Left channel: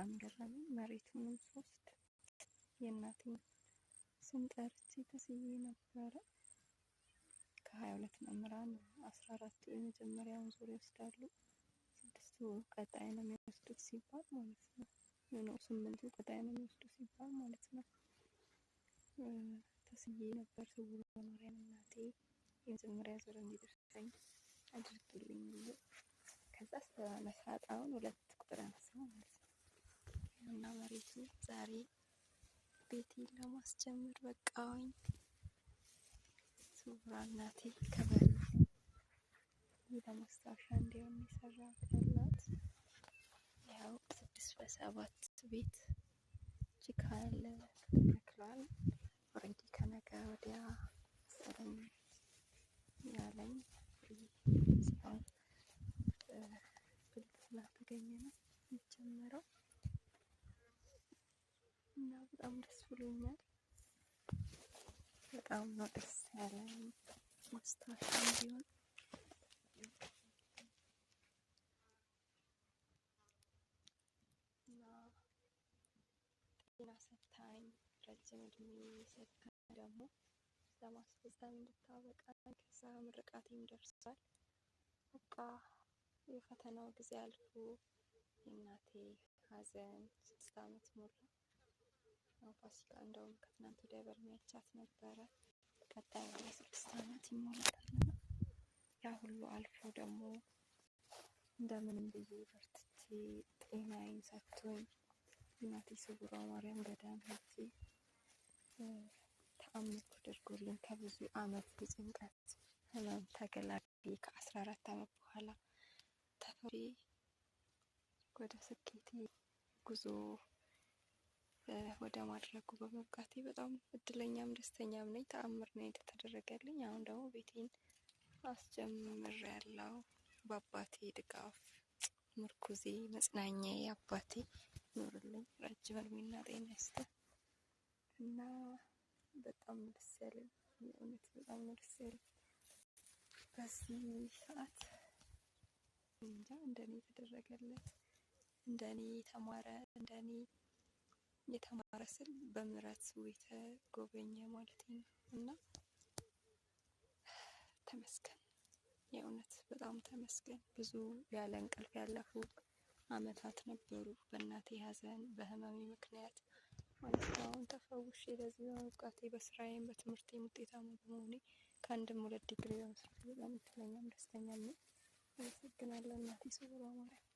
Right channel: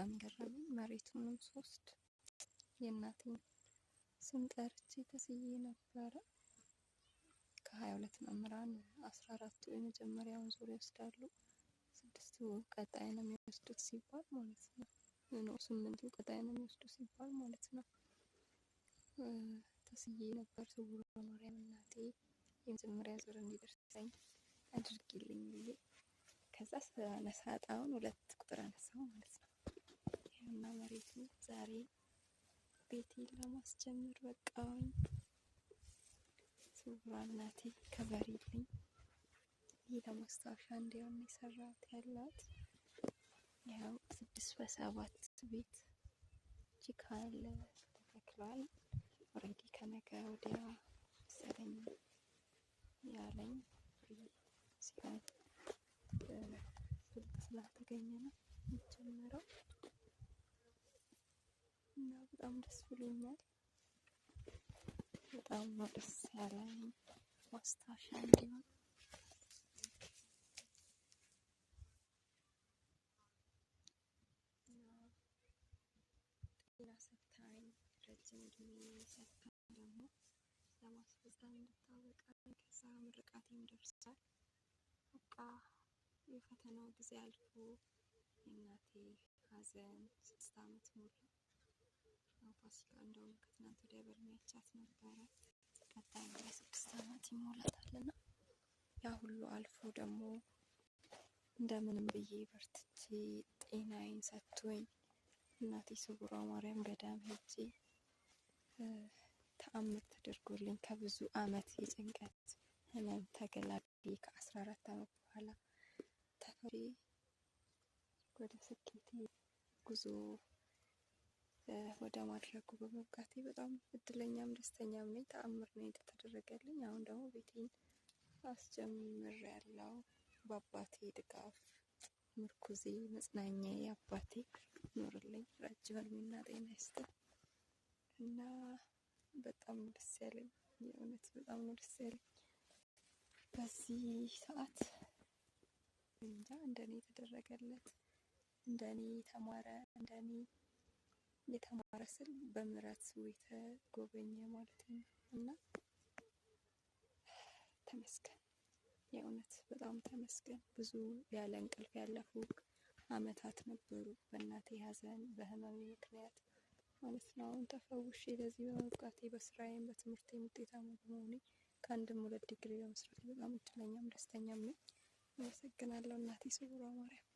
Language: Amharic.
በጣም ገረመኝ። መሬቱንም ስወስድ የእናቴን ስም ጠርቼ ተስዬ ነበረ። ከ22 መምህራን 14ቱ የመጀመሪያውን ዙር ይወስዳሉ፣ 6ቱ ቀጣይ ነው የሚወስዱት ሲባል ማለት ነው። 8ቱ ቀጣይ ነው የሚወስዱ ሲባል ማለት ነው። ተስዬ ነበር ስውሯ ማርያም እናቴ የመጀመሪያ ዙር እንዲደርሰኝ አድርጊልኝ ብዬ። ከዛ ስለነሳ ዕጣውን 2 ቁጥር አነሳው ማለት ነው። ይኸውና መሬቱ ዛሬ ቤቴን ለማስጀመር በቃኝ። ስውሯ እናቴ ከበሬልኝ። ይህ ለማስታወሻ እንዲሆን የሰራት ያላት ያው 6 በ7 ቤት ጭቃ ያለ ተተክሏል። ኦልሬዲ ከነገ ወዲያ መሰለኝ ያለኝ ሲሆን ብልጥ ስላልተገኘ ነው የሚጀመረው እና በጣም ደስ ብሎኛል። በጣም ነው ደስ ያለኝ ማስታወሻ እንዲሆን። እና ጤና ሰታኝ ረጅም እድሜ ሰታኝ ደግሞ ለማስፈጸም እንድታበቃኝ። ከዛ ምርቃቴም ደርሷል። በቃ የፈተናው ጊዜ አልፎ የእናቴ ሐዘን 6 ዓመት ሙሉ ፋሲካ እንደውም ከትናንት ወዲያ በርሚያቻት ነበረ። ቀጣይ ወደ 6 ዓመት ይሞላታልና ያ ሁሉ አልፎ ደግሞ እንደምንም ብዬ በርትቼ ጤናዬን ሰጥቶኝ እናቴ ስውሯ ማርያም ገዳም ሄጄ ተአምር ተደርጎልኝ ከብዙ ዓመት የጭንቀት ህመም ተገላግዬ ከ14 ዓመት በኋላ ተፈሪ ወደ ስኬቴ ጉዞ ወደ ማድረጉ በመብቃቴ በጣም እድለኛም ደስተኛም ነኝ። ተአምር ነው የተደረገልኝ። አሁን ደግሞ ቤቴን አስጀምሬያለሁ። በአባቴ ድጋፍ ምርኩዜ መጽናኛዬ አባቴ ኑርልኝ፣ ረጅም እድሜና ጤና ይስጥ እና በጣም ደስ ያለኝ የእውነት በጣም ነው ደስ ያለኝ። በዚህ ሰዓት እንጃ እንደኔ የተደረገለት እንደኔ የተማረ እንደኔ የተማረ ስል በምህረት የተጎበኘ ማለት ነው እና ተመስገን፣ የእውነት በጣም ተመስገን። ብዙ ያለ እንቅልፍ ያለፉ ዓመታት ነበሩ በእናቴ ሐዘን በህመሜ ምክንያት ማለት ነው። አሁን ተፈውሼ ለዚህ በመብቃቴ በስራዬም በትምህርቴም ውጤታማ በመሆኔ ከ1ም 2 ዲግሪ በመስራት በጣም እድለኛም ደስተኛም ነኝ። አመሰግናለሁ እናቴ ስውሯ ማርያም።